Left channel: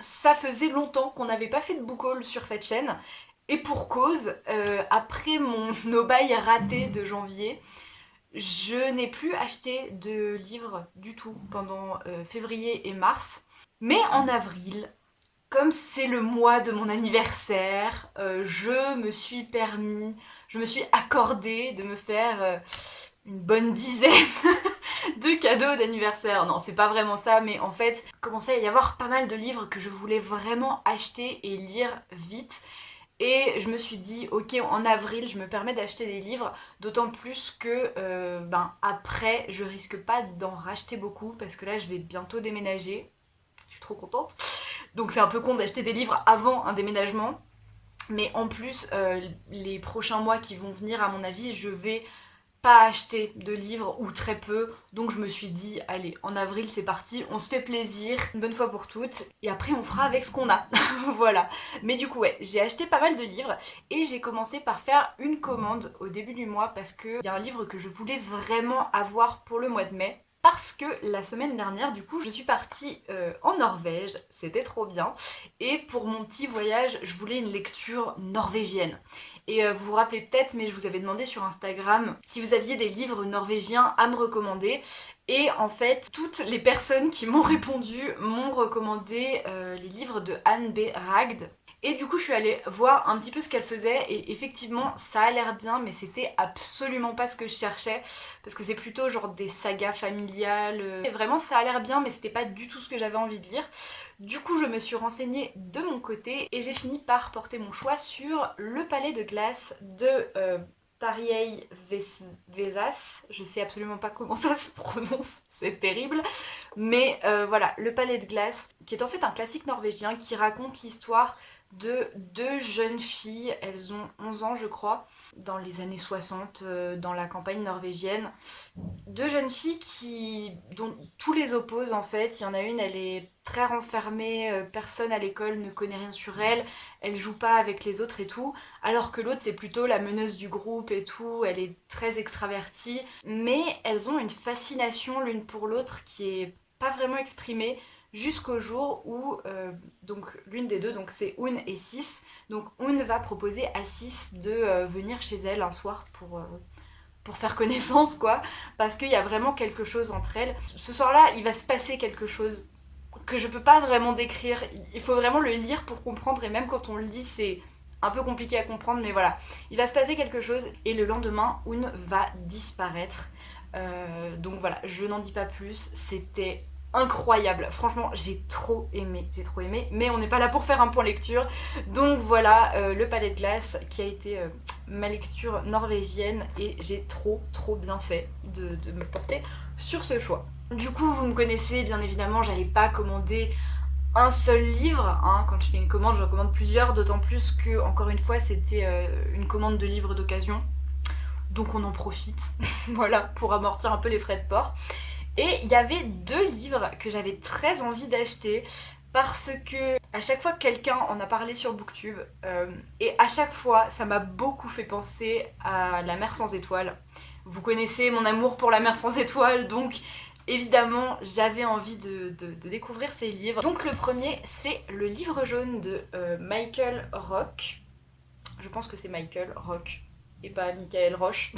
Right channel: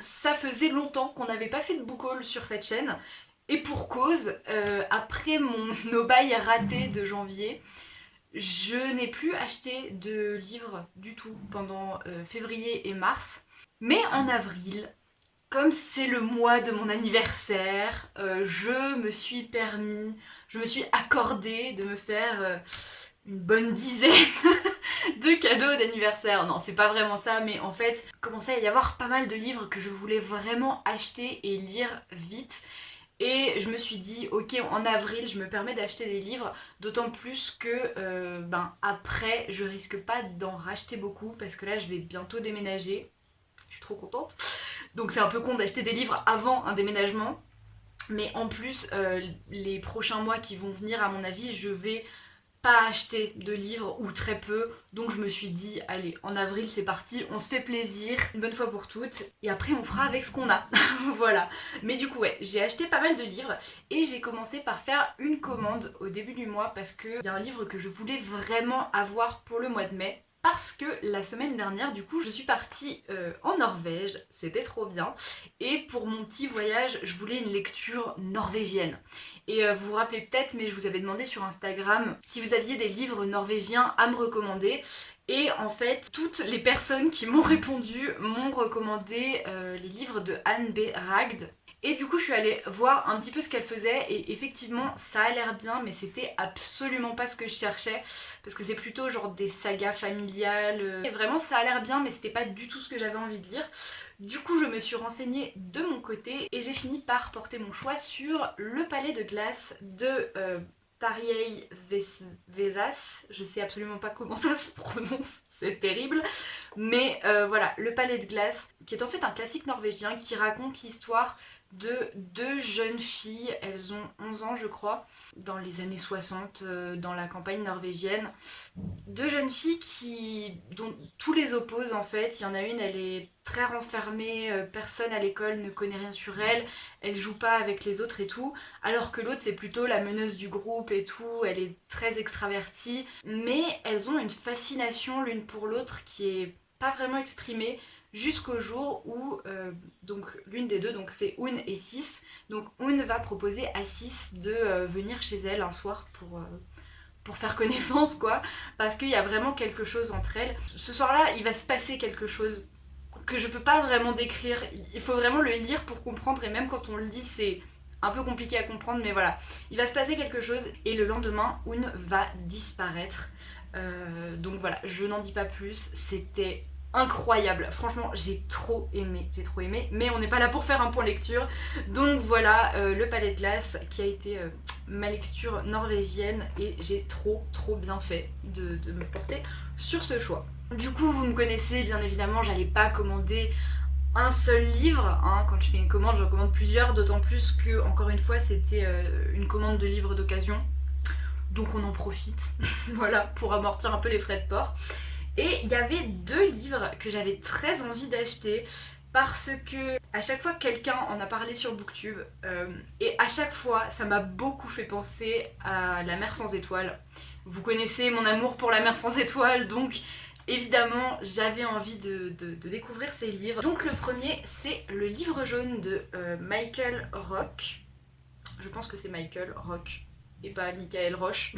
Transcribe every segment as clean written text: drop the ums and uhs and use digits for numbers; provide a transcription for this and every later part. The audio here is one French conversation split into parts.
ça faisait longtemps qu'on n'avait pas fait de book haul sur cette chaîne. Et pour cause, après mon no buy raté de janvier, je n'ai plus acheté de livres du tout pendant février et mars. Mais en avril, comme c'est le mois de mon anniversaire, je me suis accordée de me faire une bonne dizaine de cadeaux d'anniversaire. Non, c'est pas vraiment ça, mais en fait, il commençait à y avoir pas mal de livres que je voulais vraiment acheter et lire vite. Et je me suis dit, ok, en avril, je me permets d'acheter des livres, d'autant plus que après, je risque pas d'en racheter beaucoup parce que là, je vais bientôt déménager. Je suis trop contente. Donc c'est un peu con d'acheter des livres avant un déménagement. Mais en plus, les prochains mois qui vont venir, à mon avis, je vais pas acheter de livres ou très peu. Donc je me suis dit, allez, en avril c'est parti, on se fait plaisir, une bonne fois pour toutes. Et après on fera avec ce qu'on a. Voilà. Mais du coup ouais, j'ai acheté pas mal de livres et j'ai commencé par faire une commande au début du mois parce qu'il y a un livre que je voulais vraiment avoir pour le mois de mai. Parce que la semaine dernière, du coup, je suis partie en Norvège, c'était trop bien. Et pour mon petit voyage, je voulais une lecture norvégienne. Et vous vous rappelez peut-être, mais je vous avais demandé sur Instagram si vous aviez des livres norvégiens à me recommander. Et en fait, toutes les personnes qui m'ont répondu m'ont recommandé les livres de Anne B. Ragd. Et du coup, je suis allée voir un petit peu ce qu'elle faisait et effectivement, ça a l'air bien, mais c'était absolument pas ce que je cherchais parce que c'est plutôt genre des sagas familiales. Et vraiment, ça a l'air bien, mais c'était pas du tout ce que j'avais envie de lire. Du coup, je me suis renseignée de mon côté et j'ai fini par porter mon choix sur Le Palais de Glace de Tarjei Vesaas. Je sais absolument pas comment ça se prononce, c'est terrible. Mais voilà, Le Palais de Glace, qui est en fait un classique norvégien qui raconte l'histoire de deux jeunes filles, elles ont 11 ans je crois, dans les années 60, dans la campagne norvégienne. Deux jeunes filles dont tous les opposent en fait. Il y en a une, elle est très renfermée, personne à l'école ne connaît rien sur elle, elle joue pas avec les autres et tout, alors que l'autre c'est plutôt la meneuse du groupe et tout, elle est très extravertie, mais elles ont une fascination l'une pour l'autre qui est pas vraiment exprimée jusqu'au jour où donc l'une des deux, donc c'est Un et Sis, donc Un va proposer à Sis de venir chez elle un soir pour faire connaissance quoi, parce qu'il y a vraiment quelque chose entre elles. Ce soir-là, il va se passer quelque chose que je peux pas vraiment décrire, il faut vraiment le lire pour comprendre, et même quand on le lit c'est un peu compliqué à comprendre, mais voilà, il va se passer quelque chose et le lendemain Un va disparaître. Donc voilà, je n'en dis pas plus, c'était incroyable, franchement j'ai trop aimé, mais on n'est pas là pour faire un point lecture, donc voilà, Le Palais de Glace qui a été ma lecture norvégienne et j'ai trop bien fait de me porter sur ce choix. Du coup vous me connaissez bien évidemment, j'allais pas commander un seul livre, hein. Quand je fais une commande j'en commande plusieurs, d'autant plus que encore une fois c'était une commande de livres d'occasion, donc on en profite voilà, pour amortir un peu les frais de port. Et il y avait deux livres que j'avais très envie d'acheter parce que à chaque fois quelqu'un en a parlé sur Booktube et à chaque fois ça m'a beaucoup fait penser à La Mer sans étoiles. Vous connaissez mon amour pour La Mer sans étoiles, donc évidemment j'avais envie de découvrir ces livres. Donc le premier c'est Le Livre jaune de Michael Rock. Je pense que c'est Michael Rock et pas Michael Roche.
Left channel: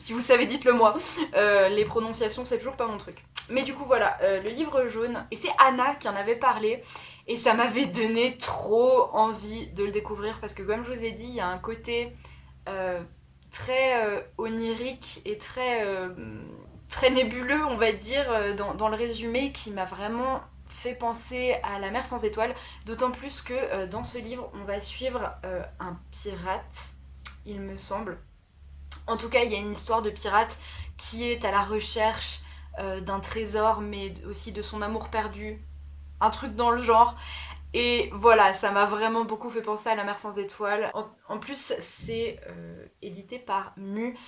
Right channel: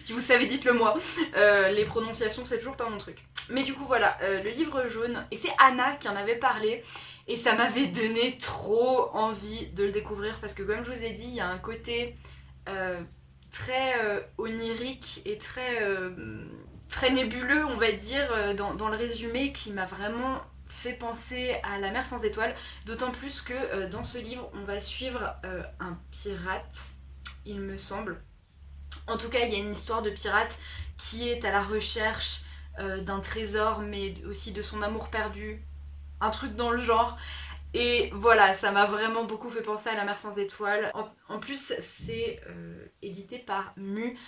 Si vous savez, dites-le moi. Les prononciations, c'est toujours pas mon truc. Mais du coup, voilà, Le Livre jaune. Et c'est Anna qui en avait parlé. Et ça m'avait donné trop envie de le découvrir. Parce que comme je vous ai dit, il y a un côté très onirique et très nébuleux, on va dire, dans le résumé, qui m'a vraiment fait penser à La Mer sans étoiles. D'autant plus que dans ce livre, on va suivre un pirate, il me semble. En tout cas, il y a une histoire de pirate qui est à la recherche d'un trésor, mais aussi de son amour perdu. Un truc dans le genre. Et voilà, ça m'a vraiment beaucoup fait penser à La Mer sans étoiles. En plus, c'est édité par Mu.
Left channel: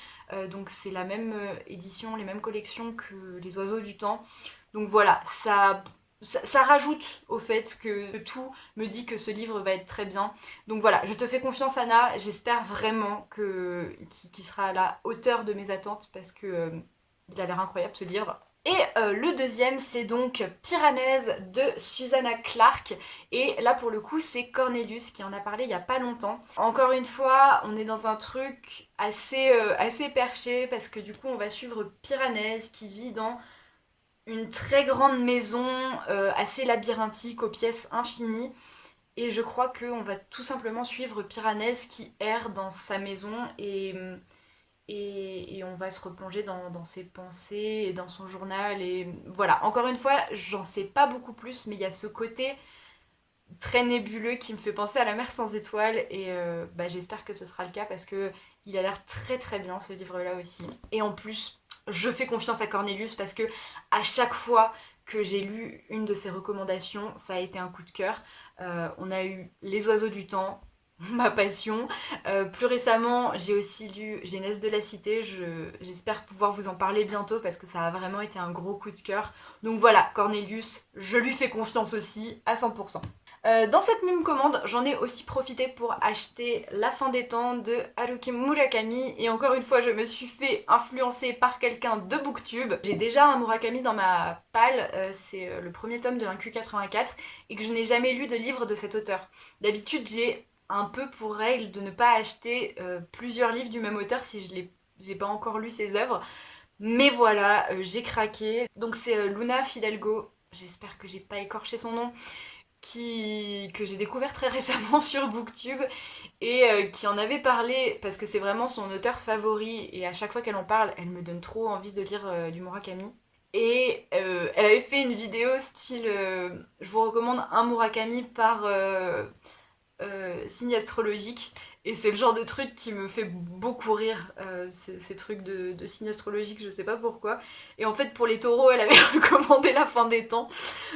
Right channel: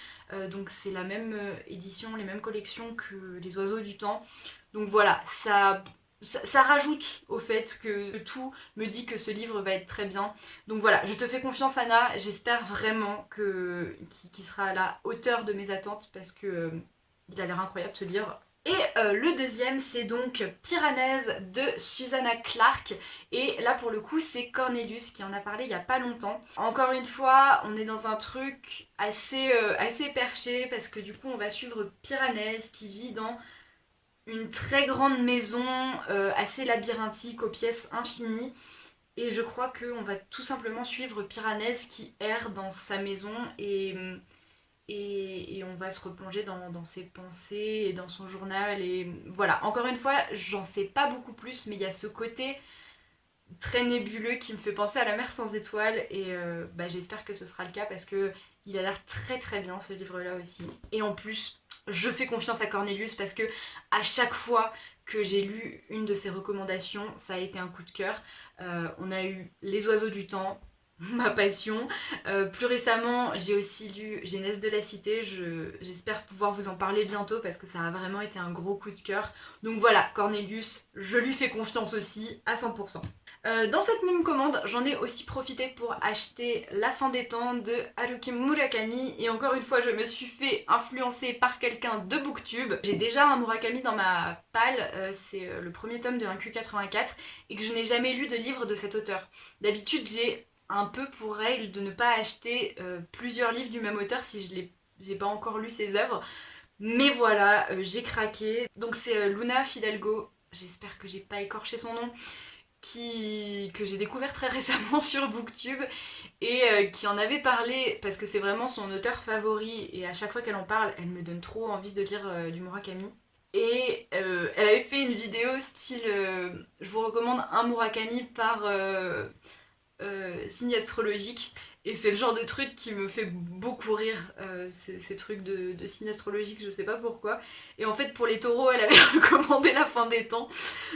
Donc c'est la même édition, les mêmes collections que Les Oiseaux du Temps. Donc voilà, ça rajoute au fait que tout me dit que ce livre va être très bien. Donc voilà, je te fais confiance Anna, j'espère vraiment qu'il sera à la hauteur de mes attentes parce que il a l'air incroyable ce livre. Et le deuxième, c'est donc Piranèse de Susanna Clark. Et là, pour le coup, c'est Cornelius qui en a parlé il y a pas longtemps. Encore une fois, on est dans un truc assez perché parce que du coup, on va suivre Piranèse qui vit dans une très grande maison assez labyrinthique aux pièces infinies. Et je crois qu'on va tout simplement suivre Piranèse qui erre dans sa maison et on va se replonger dans ses pensées et dans son journal. Et voilà, encore une fois, j'en sais pas beaucoup plus, mais il y a ce côté très nébuleux qui me fait penser à La mer sans étoiles. Et j'espère que ce sera le cas parce que il a l'air très très bien ce livre-là aussi. Et en plus, je fais confiance à Cornelius parce que à chaque fois que j'ai lu une de ses recommandations, ça a été un coup de cœur. On a eu Les oiseaux du temps, ma passion. Plus récemment, j'ai aussi lu Genèse de la cité. J'espère pouvoir vous en parler bientôt parce que ça a vraiment été un gros coup de cœur. Donc voilà, Cornelius, je lui fais confiance aussi à 100%. Dans cette même commande, j'en ai aussi profité pour acheter La fin des temps de Haruki Murakami. Et encore une fois, je me suis fait influencer par quelqu'un de Booktube. J'ai déjà un Murakami dans ma palle, c'est le premier tome de 1Q84, et que je n'ai jamais lu de livre de cet auteur. D'habitude, j'ai un peu pour règle de ne pas acheter plusieurs livres du même auteur si j'ai pas encore lu ses œuvres. Mais voilà, j'ai craqué. Donc c'est Luna Fidalgo, j'espère que j'ai pas écorché son nom, que j'ai découvert très récemment sur Booktube et qui en avait parlé parce que c'est vraiment son auteur favori et à chaque fois qu'elle en parle, elle me donne trop envie de lire du Murakami. Et elle avait fait une vidéo style je vous recommande un Murakami par signe astrologique. Et c'est le genre de truc qui me fait beaucoup rire, ces trucs de signe astrologique, je sais pas pourquoi. Et en fait, pour les taureaux, elle avait recommandé La fin des temps.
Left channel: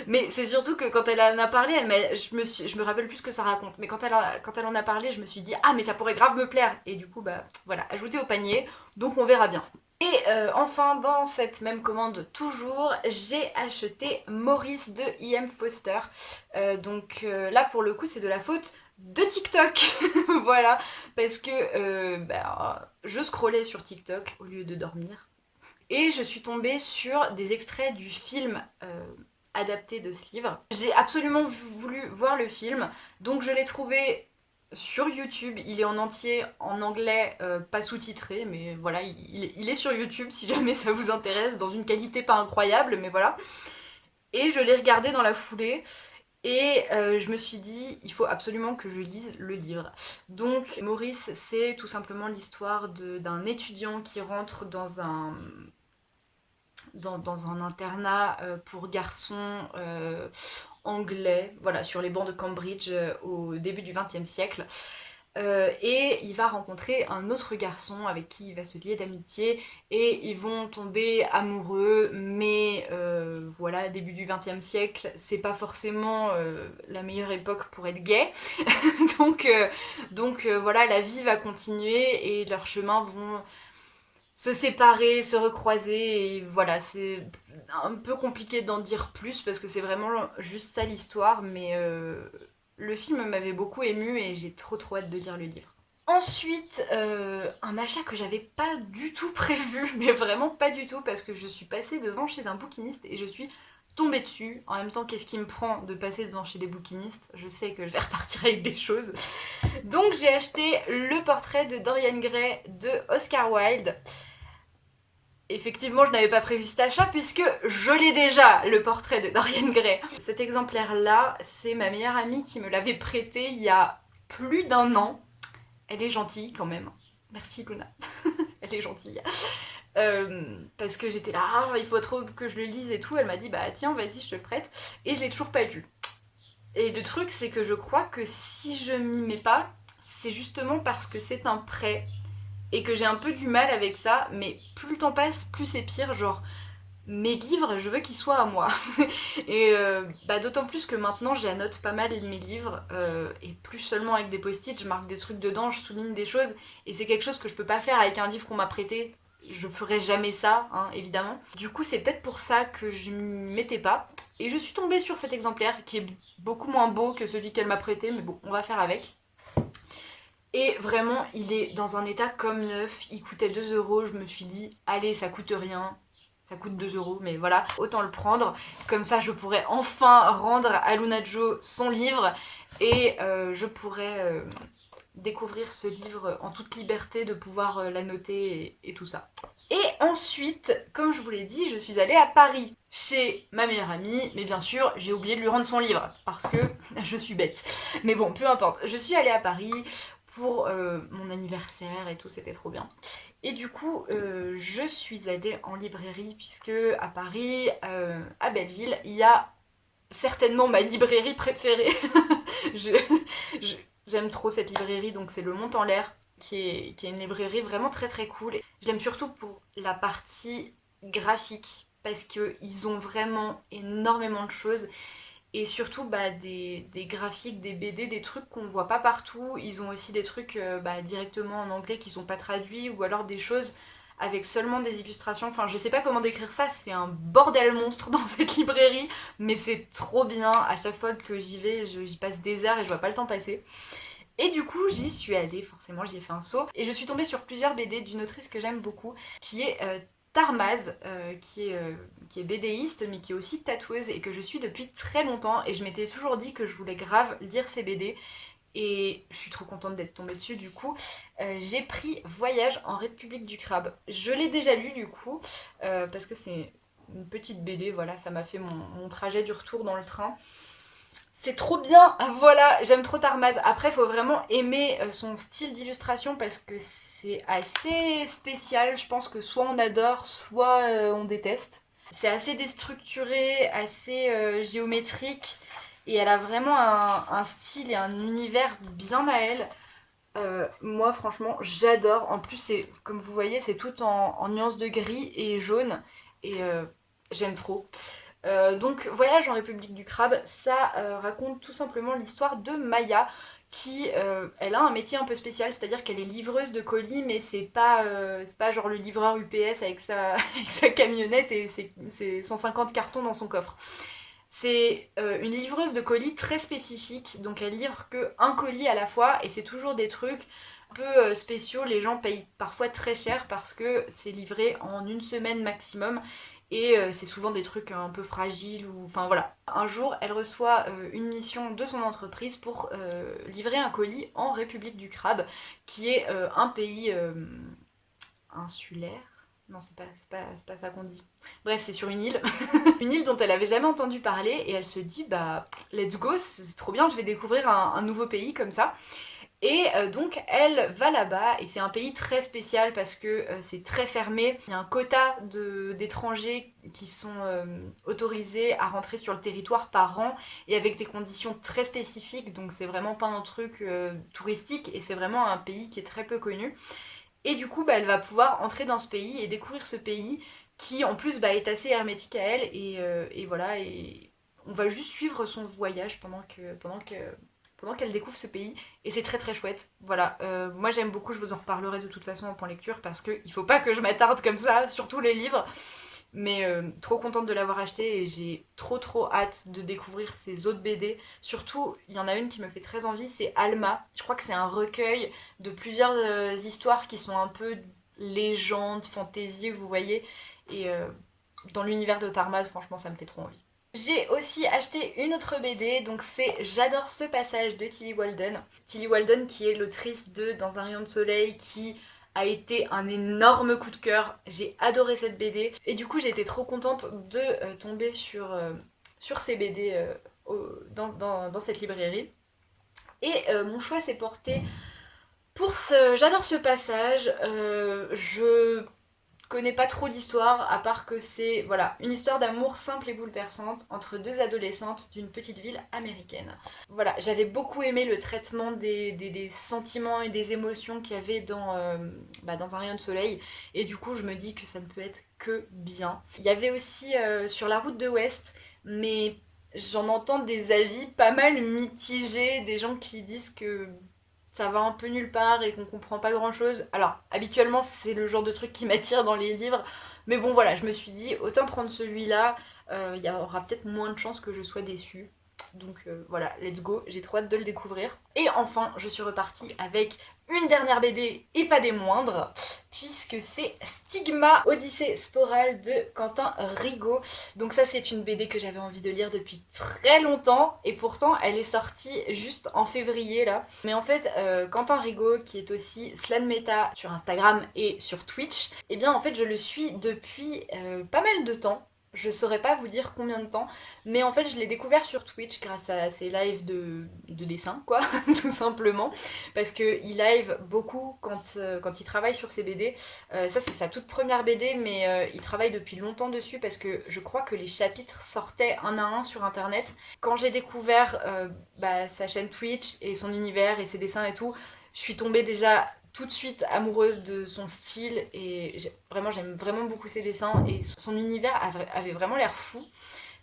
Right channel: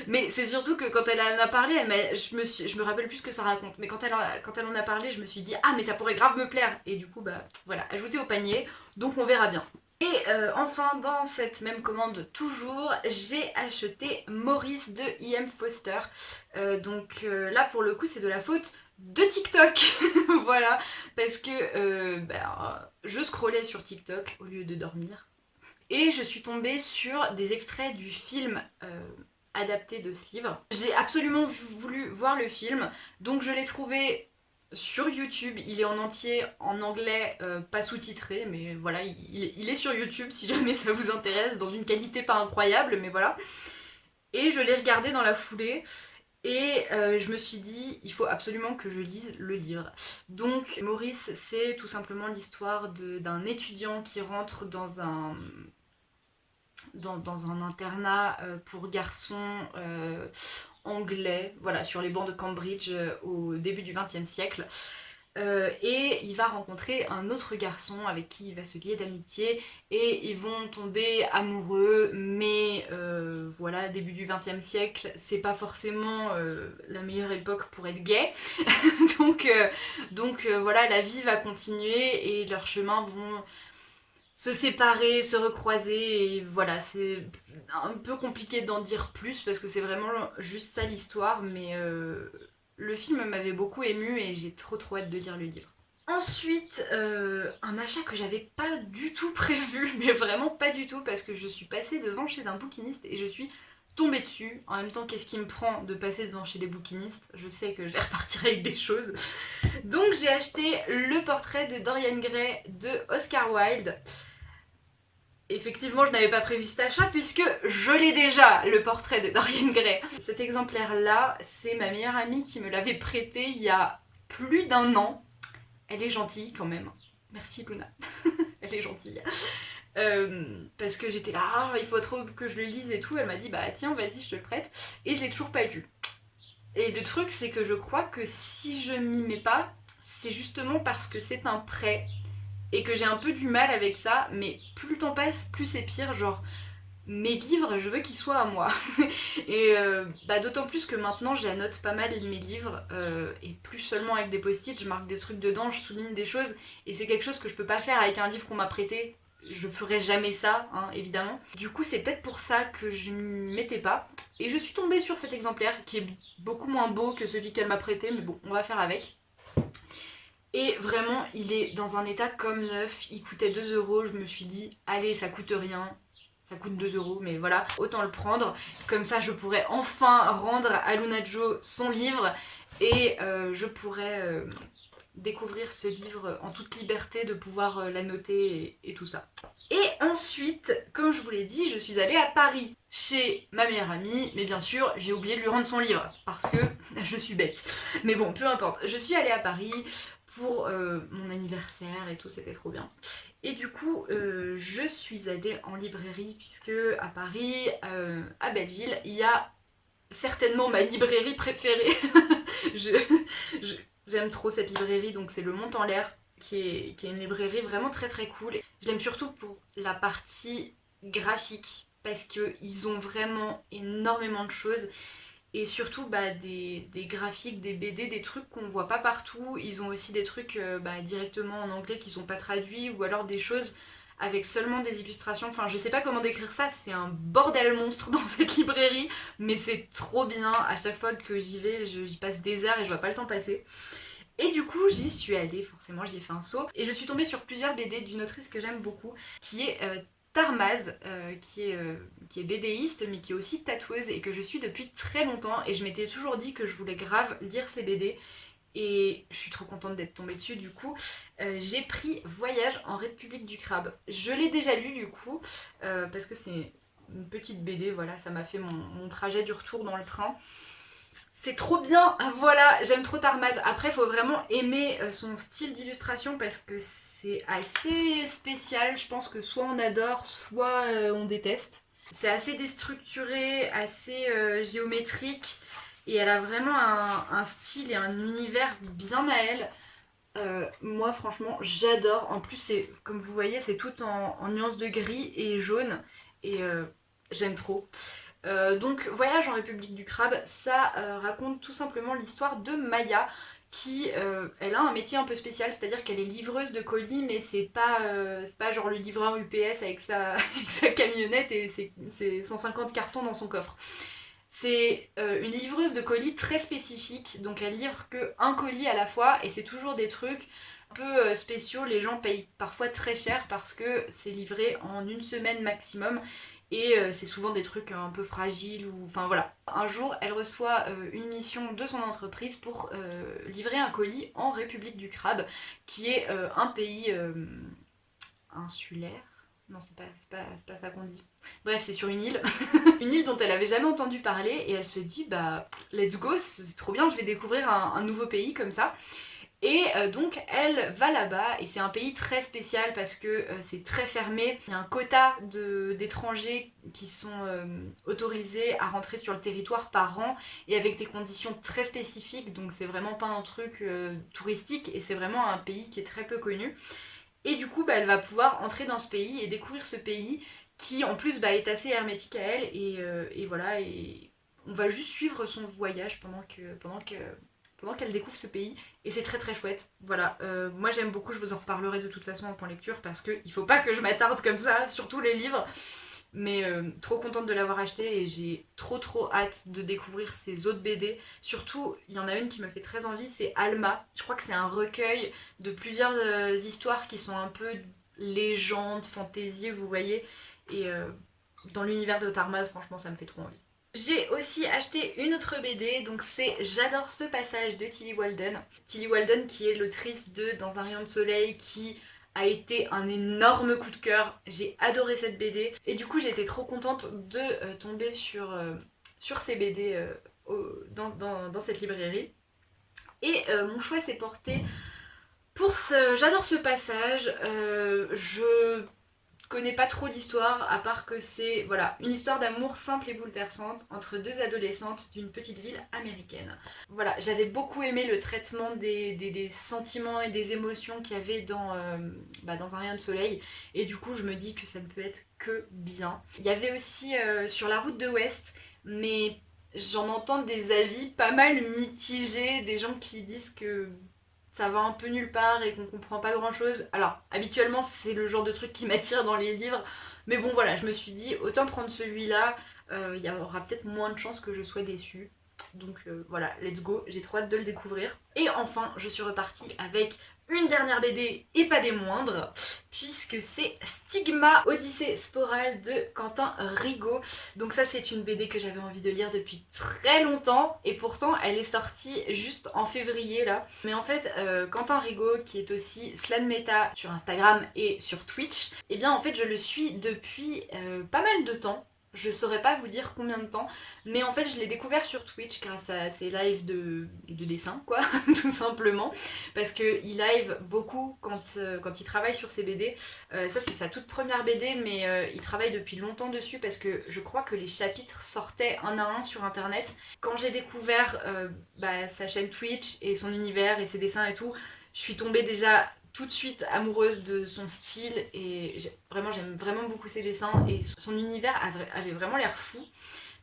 Mais c'est surtout que quand elle en a parlé, je me rappelle plus ce que ça raconte. Mais quand elle en a parlé, je me suis dit, ah, mais ça pourrait grave me plaire. Et du coup, voilà, ajouté au panier. Donc on verra bien. Et enfin, dans cette même commande toujours, j'ai acheté Maurice de I.M. Foster. Donc là, pour le coup, c'est de la faute de TikTok. Voilà, parce que je scrollais sur TikTok au lieu de dormir. Et je suis tombée sur des extraits du film adapté de ce livre. J'ai absolument voulu voir le film, donc je l'ai trouvé sur YouTube. Il est en entier en anglais, pas sous-titré, mais voilà, il est sur YouTube si jamais ça vous intéresse, dans une qualité pas incroyable, mais voilà. Et je l'ai regardé dans la foulée. Et je me suis dit, il faut absolument que je lise le livre. Donc Maurice, c'est tout simplement l'histoire d'un étudiant qui rentre dans un internat pour garçons anglais, voilà, sur les bancs de Cambridge au début du XXe siècle. Et il va rencontrer un autre garçon avec qui il va se lier d'amitié et ils vont tomber amoureux, mais voilà, début du XXe siècle, c'est pas forcément la meilleure époque pour être gay. donc voilà, la vie va continuer et leurs chemins vont se séparer, se recroiser, et voilà, c'est un peu compliqué d'en dire plus parce que c'est vraiment juste ça l'histoire, mais le film m'avait beaucoup émue et j'ai trop hâte de lire le livre. Ensuite, un achat que j'avais pas du tout prévu, mais vraiment pas du tout, parce que je suis passée devant chez un bouquiniste et je suis tombée dessus. En même temps, qu'est-ce qui me prend de passer devant chez des bouquinistes? Je sais que je vais repartir avec des choses. Donc j'ai acheté Le portrait de Dorian Gray de Oscar Wilde. Effectivement, je n'avais pas prévu cet achat puisque je l'ai déjà, le portrait de Dorian Gray. Cet exemplaire-là, c'est ma meilleure amie qui me l'avait prêté il y a plus d'1 an. Elle est gentille quand même. Merci Luna. Elle est gentille. Parce que j'étais là, ah, il faut trop que je le lise et tout. Elle m'a dit, bah tiens, vas-y, je te le prête. Et je l'ai toujours pas lu. Et le truc, c'est que je crois que si je m'y mets pas, c'est justement parce que c'est un prêt et que j'ai un peu du mal avec ça, mais plus le temps passe, plus c'est pire, genre mes livres, je veux qu'ils soient à moi. Et d'autant plus que maintenant j'annote pas mal mes livres, et plus seulement avec des post-it, je marque des trucs dedans, je souligne des choses, et c'est quelque chose que je peux pas faire avec un livre qu'on m'a prêté. Je ferai jamais ça, hein, évidemment. Du coup, c'est peut-être pour ça que je m'y mettais pas. Et je suis tombée sur cet exemplaire qui est beaucoup moins beau que celui qu'elle m'a prêté, mais bon, on va faire avec. Et vraiment, il est dans un état comme neuf. Il coûtait 2 €. Je me suis dit, allez, ça coûte rien. ça coûte 2 € mais voilà, autant le prendre. Comme ça je pourrais enfin rendre à Luna Jo son livre et je pourrais découvrir ce livre en toute liberté, de pouvoir l'annoter et tout ça. Et ensuite, comme je vous l'ai dit, je suis allée à Paris chez ma meilleure amie, mais bien sûr j'ai oublié de lui rendre son livre parce que je suis bête. Mais bon, peu importe, je suis allée à Paris pour mon anniversaire et tout, c'était trop bien. Et du coup, je suis allée en librairie puisque à Paris, à Belleville, il y a certainement ma librairie préférée. je, J'aime trop cette librairie, donc c'est le Mont en l'air, qui est une librairie vraiment très très cool. Je l'aime surtout pour la partie graphique, parce qu'ils ont vraiment énormément de choses. Et surtout des graphiques, des BD, des trucs qu'on voit pas partout. Ils ont aussi des trucs directement en anglais qui sont pas traduits, ou alors des choses avec seulement des illustrations. Enfin, je sais pas comment décrire ça, c'est un bordel monstre dans cette librairie, mais c'est trop bien. À chaque fois que j'y vais, j'y passe des heures et je vois pas le temps passer. Et du coup, j'y suis allée, forcément, j'y ai fait un saut. Et je suis tombée sur plusieurs BD d'une autrice que j'aime beaucoup, qui est Tarmaz, qui est BDiste, mais qui est aussi tatoueuse et que je suis depuis très longtemps. Et je m'étais toujours dit que je voulais grave lire ses BD. Et je suis trop contente d'être tombée dessus du coup. J'ai pris Voyage en République du Crabe. Je l'ai déjà lu du coup, parce que c'est une petite BD, voilà, ça m'a fait mon trajet du retour dans le train. C'est trop bien, voilà, j'aime trop Tarmaz. Après, il faut vraiment aimer son style d'illustration parce que c'est assez spécial. Je pense que soit on adore, soit on déteste. C'est assez déstructuré, assez géométrique. Et elle a vraiment un style et un univers bien à elle. Moi, franchement, j'adore. En plus, comme vous voyez, c'est tout en nuances de gris et jaune. Et j'aime trop. Donc Voyage en République du Crabe, ça raconte tout simplement l'histoire de Maya qui elle a un métier un peu spécial, c'est-à-dire qu'elle est livreuse de colis, mais c'est pas genre le livreur UPS avec sa, avec sa camionnette et ses 150 cartons dans son coffre. C'est une livreuse de colis très spécifique, donc elle livre que un colis à la fois et c'est toujours des trucs un peu spéciaux. Les gens payent parfois très cher parce que c'est livré en une semaine maximum. Et c'est souvent des trucs un peu fragiles ou... Enfin voilà. Un jour, elle reçoit une mission de son entreprise pour livrer un colis en République du Crabe, qui est un pays insulaire. Non, c'est pas ça qu'on dit. Bref, c'est sur une île. Une île dont elle avait jamais entendu parler et elle se dit, bah, let's go, c'est trop bien, je vais découvrir un nouveau pays comme ça. Et donc elle va là-bas et c'est un pays très spécial parce que c'est très fermé. Il y a un quota d'étrangers qui sont autorisés à rentrer sur le territoire par an et avec des conditions très spécifiques. Donc c'est vraiment pas un truc touristique et c'est vraiment un pays qui est très peu connu. Et du coup elle va pouvoir entrer dans ce pays et découvrir ce pays qui en plus est assez hermétique à elle et voilà. Et on va juste suivre son voyage pendant qu'elle découvre ce pays et c'est très très chouette. Voilà, moi j'aime beaucoup, je vous en reparlerai de toute façon en point lecture parce qu'il faut pas que je m'attarde comme ça sur tous les livres. Mais trop contente de l'avoir acheté et j'ai trop hâte de découvrir ses autres BD. Surtout, il y en a une qui me fait très envie, c'est Alma. Je crois que c'est un recueil de plusieurs histoires qui sont un peu légendes, fantaisie, vous voyez. Et dans l'univers de Tarmaz, franchement, ça me fait trop envie. J'ai aussi acheté une autre BD, donc c'est J'adore ce passage de Tillie Walden. Tillie Walden qui est l'autrice de Dans un rayon de soleil, qui a été un énorme coup de cœur. J'ai adoré cette BD et du coup j'ai été trop contente de tomber sur ces BD dans cette librairie. Et mon choix s'est porté pour J'adore ce passage. Je connais pas trop l'histoire, à part que c'est voilà, une histoire d'amour simple et bouleversante entre deux adolescentes d'une petite ville américaine. Voilà, j'avais beaucoup aimé le traitement des sentiments et des émotions qu'il y avait dans un rayon de soleil, et du coup je me dis que ça ne peut être que bien. Il y avait aussi Sur la route de l'Ouest, mais j'en entends des avis pas mal mitigés, des gens qui disent que ça va un peu nulle part et qu'on comprend pas grand chose. Alors, habituellement, c'est le genre de truc qui m'attire dans les livres. Mais bon, voilà, je me suis dit, autant prendre celui-là, il y aura peut-être moins de chances que je sois déçue. Donc voilà, let's go, j'ai trop hâte de le découvrir. Et enfin, je suis repartie avec une dernière BD et pas des moindres, puisque c'est Stigma Odyssée Sporale de Quentin Rigaud. Donc ça c'est une BD que j'avais envie de lire depuis très longtemps et pourtant elle est sortie juste en février là. Mais en fait Quentin Rigaud, qui est aussi Slanmeta sur Instagram et sur Twitch, et bien en fait je le suis depuis pas mal de temps. Je saurais pas vous dire combien de temps, mais en fait je l'ai découvert sur Twitch grâce à ses lives de dessin quoi, tout simplement, parce qu'il live beaucoup quand il travaille sur ses BD. Ça c'est sa toute première BD, mais il travaille depuis longtemps dessus parce que je crois que les chapitres sortaient un à un sur internet. Quand j'ai découvert sa chaîne Twitch et son univers et ses dessins et tout, je suis tombée déjà tout de suite amoureuse de son style et j'aime vraiment beaucoup ses dessins et son univers avait vraiment l'air fou.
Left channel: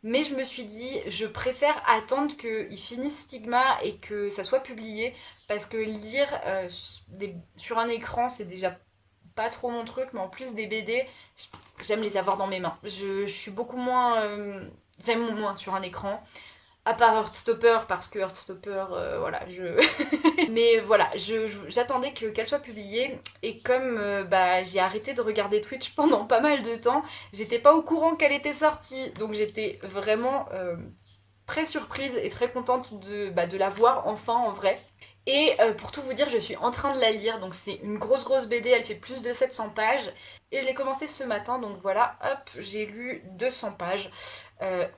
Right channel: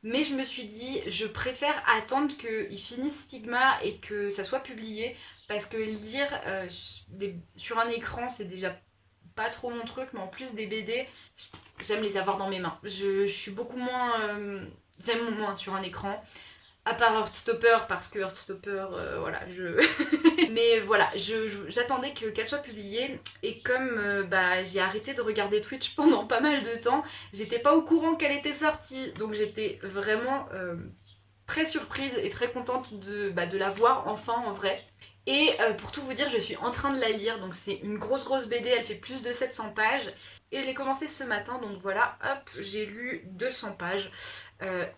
Mais je me suis dit, je préfère attendre qu'il finisse Stigma et que ça soit publié, parce que lire sur un écran c'est déjà pas trop mon truc, mais en plus des BD, j'aime les avoir dans mes mains. Je suis beaucoup moins... j'aime moins sur un écran. À part Heartstopper, parce que Heartstopper, voilà, mais voilà, j'attendais qu'elle soit publiée, et comme j'ai arrêté de regarder Twitch pendant pas mal de temps, j'étais pas au courant qu'elle était sortie, donc j'étais vraiment très surprise et très contente de la voir enfin en vrai. Et pour tout vous dire, je suis en train de la lire, donc c'est une grosse BD, elle fait plus de 700 pages, et je l'ai commencé ce matin, donc voilà, hop, j'ai lu 200 pages.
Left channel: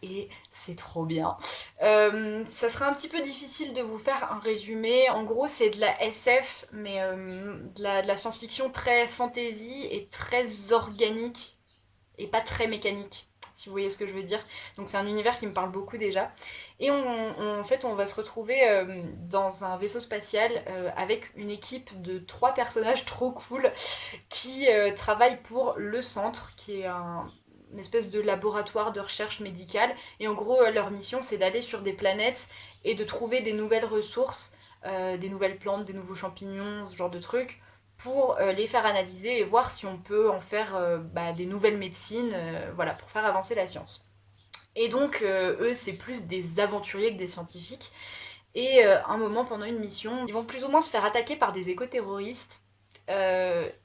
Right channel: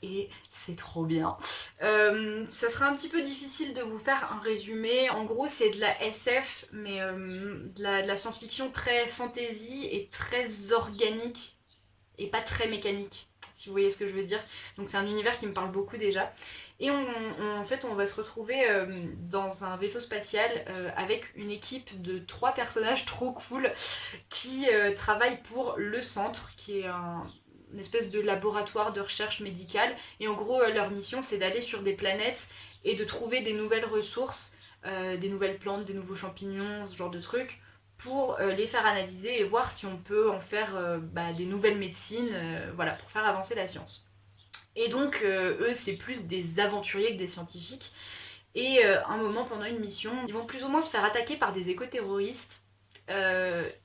Et c'est trop bien. Ça sera un petit peu difficile de vous faire un résumé. En gros, c'est de la SF, mais de la science-fiction très fantasy et très organique et pas très mécanique, si vous voyez ce que je veux dire. Donc c'est un univers qui me parle beaucoup déjà. Et en fait, on va se retrouver dans un vaisseau spatial avec une équipe de 3 personnages trop cool qui travaillent pour le centre, qui est une espèce de laboratoire de recherche médicale. Et en gros, leur mission, c'est d'aller sur des planètes et de trouver des nouvelles ressources, des nouvelles plantes, des nouveaux champignons, ce genre de trucs, pour les faire analyser et voir si on peut en faire des nouvelles médecines, voilà, pour faire avancer la science. Et donc, eux, c'est plus des aventuriers que des scientifiques. Et un moment, pendant une mission, ils vont plus ou moins se faire attaquer par des éco-terroristes.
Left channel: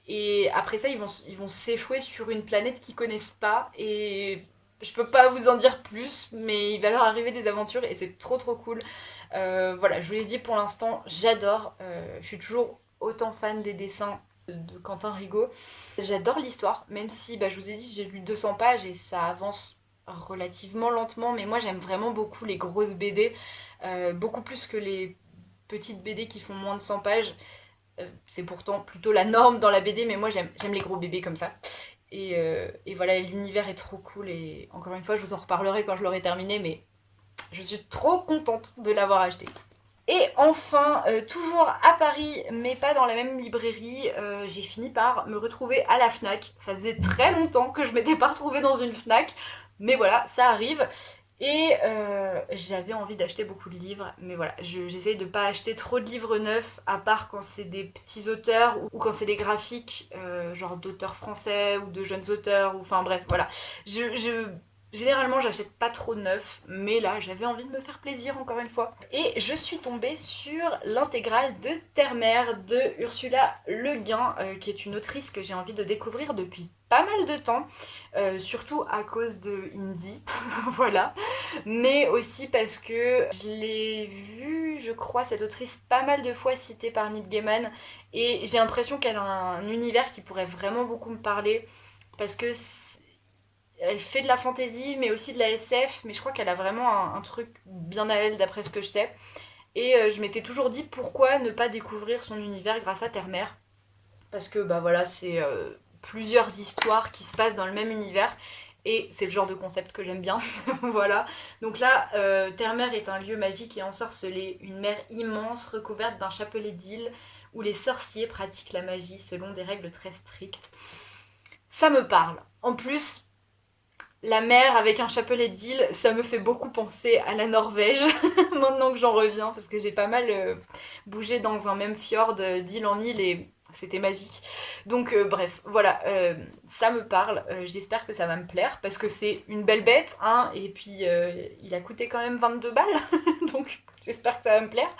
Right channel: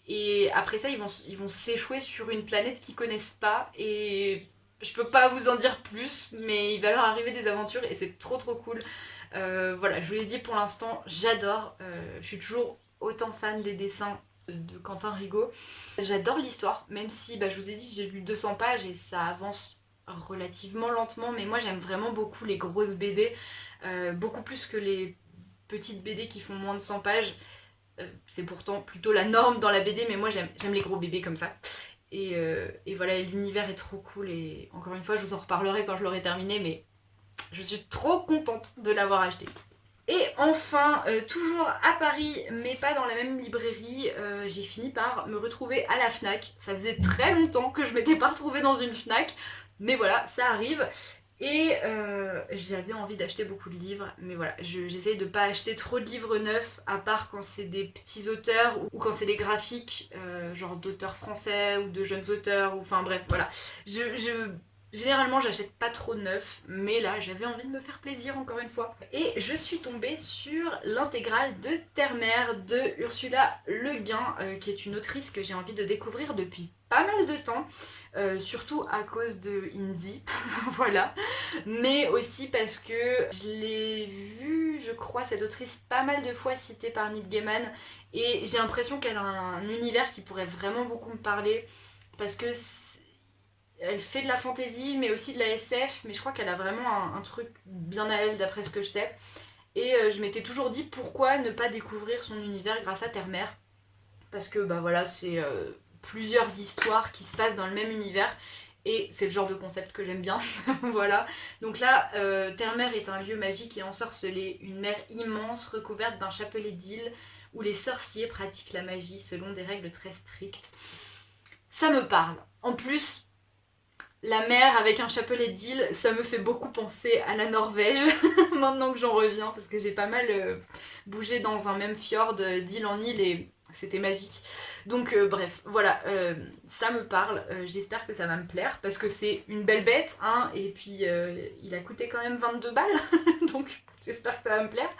Et après ça, ils vont s'échouer sur une planète qu'ils connaissent pas. Et je peux pas vous en dire plus, mais il va leur arriver des aventures et c'est trop cool. Voilà, je vous l'ai dit, pour l'instant, j'adore. Je suis toujours autant fan des dessins de Quentin Rigaud. J'adore l'histoire, même si je vous ai dit, j'ai lu 200 pages et ça avance relativement lentement. Mais moi, j'aime vraiment beaucoup les grosses BD, beaucoup plus que les petites BD qui font moins de 100 pages. C'est pourtant plutôt la norme dans la BD, mais moi j'aime les gros bébés comme ça. Et voilà, l'univers est trop cool, et encore une fois je vous en reparlerai quand je l'aurai terminé, mais je suis trop contente de l'avoir acheté. Et enfin, toujours à Paris, mais pas dans la même librairie, j'ai fini par me retrouver à la Fnac. Ça faisait très longtemps que je m'étais pas retrouvée dans une Fnac, mais voilà, ça arrive. Et j'avais envie d'acheter beaucoup de livres, mais voilà, j'essaye de pas acheter trop de livres neufs, à part quand c'est des petits auteurs ou quand c'est des graphiques, genre d'auteurs français ou de jeunes auteurs, ou enfin bref, voilà. Généralement, j'achète pas trop de neuf, mais là, j'avais envie de me faire plaisir encore une fois. Et je suis tombée sur l'intégrale de Terre-Mère de Ursula Le Guin, qui est une autrice que j'ai envie de découvrir depuis pas mal de temps, surtout à cause de Indie, voilà, mais aussi parce que je l'ai vue, je crois, cette autrice pas mal de fois citée par Neil Gaiman, et j'ai l'impression qu'elle a un univers qui pourrait vraiment beaucoup me parler, parce que elle fait de la fantasy, mais aussi de la SF, mais je crois qu'elle a vraiment un truc bien à elle, d'après ce que je sais. Et je m'étais toujours dit pourquoi ne pas découvrir son univers grâce à Terre-Mère. Parce que voilà, c'est plusieurs histoires qui se passent dans le même univers. Et c'est le genre de concept que j'aime bien. Voilà. Donc là, Terre-Mère est un lieu magique et ensorcelé, une mer immense recouverte d'un chapelet d'îles où les sorciers pratiquent la magie selon des règles très strictes. Ça me parle. En plus, la mer avec un chapelet d'îles, ça me fait beaucoup penser à la Norvège, maintenant que j'en reviens, parce que j'ai pas mal bougé dans un même fjord d'île en île, et c'était magique. Donc bref, voilà, ça me parle, j'espère que ça va me plaire, parce que c'est une belle bête, hein, et puis il a coûté quand même 22 balles, donc j'espère que ça va me plaire.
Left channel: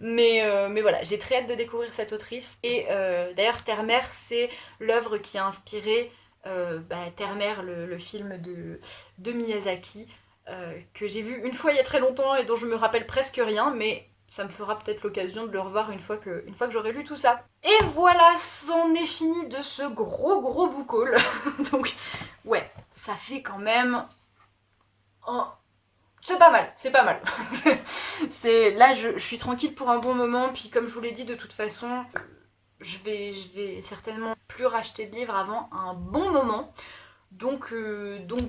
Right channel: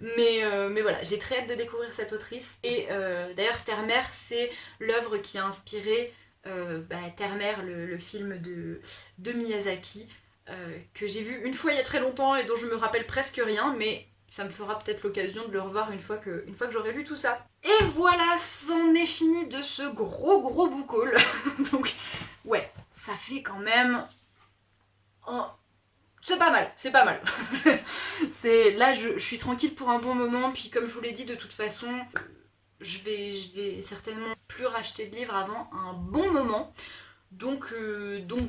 Mais voilà, j'ai très hâte de découvrir cette autrice. Et d'ailleurs, Terre-Mère, c'est l'œuvre qui a inspiré Terre-Mère, le film de Miyazaki, que j'ai vu une fois il y a très longtemps et dont je me rappelle presque rien, mais ça me fera peut-être l'occasion de le revoir une fois que j'aurai lu tout ça. Et voilà, c'en est fini de ce gros book haul. Donc ouais, ça fait quand même... C'est pas mal, c'est pas mal. Là, je suis tranquille pour un bon moment, puis comme je vous l'ai dit, de toute façon, je vais certainement plus racheter de livres avant un bon moment. Donc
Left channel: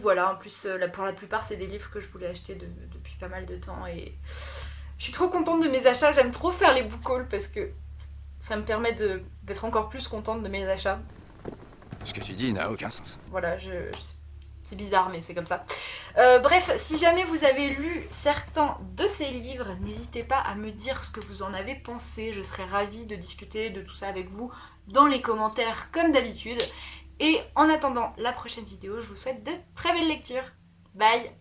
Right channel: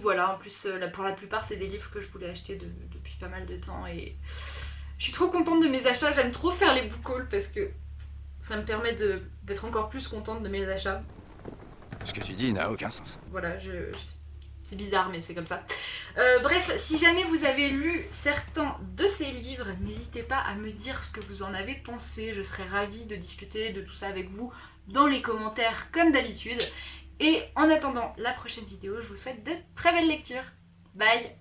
voilà, en plus, pour la plupart, c'est des livres que je voulais acheter depuis pas mal de temps, et je suis trop contente de mes achats. J'aime trop faire les book hauls parce que ça me permet d'être encore plus contente de mes achats. Ce que tu dis n'a aucun sens. Voilà, c'est bizarre, mais c'est comme ça. Bref, si jamais vous avez lu certains de ces livres, n'hésitez pas à me dire ce que vous en avez pensé. Je serais ravie de discuter de tout ça avec vous dans les commentaires, comme d'habitude. Et en attendant la prochaine vidéo, je vous souhaite de très belles lectures. Bye!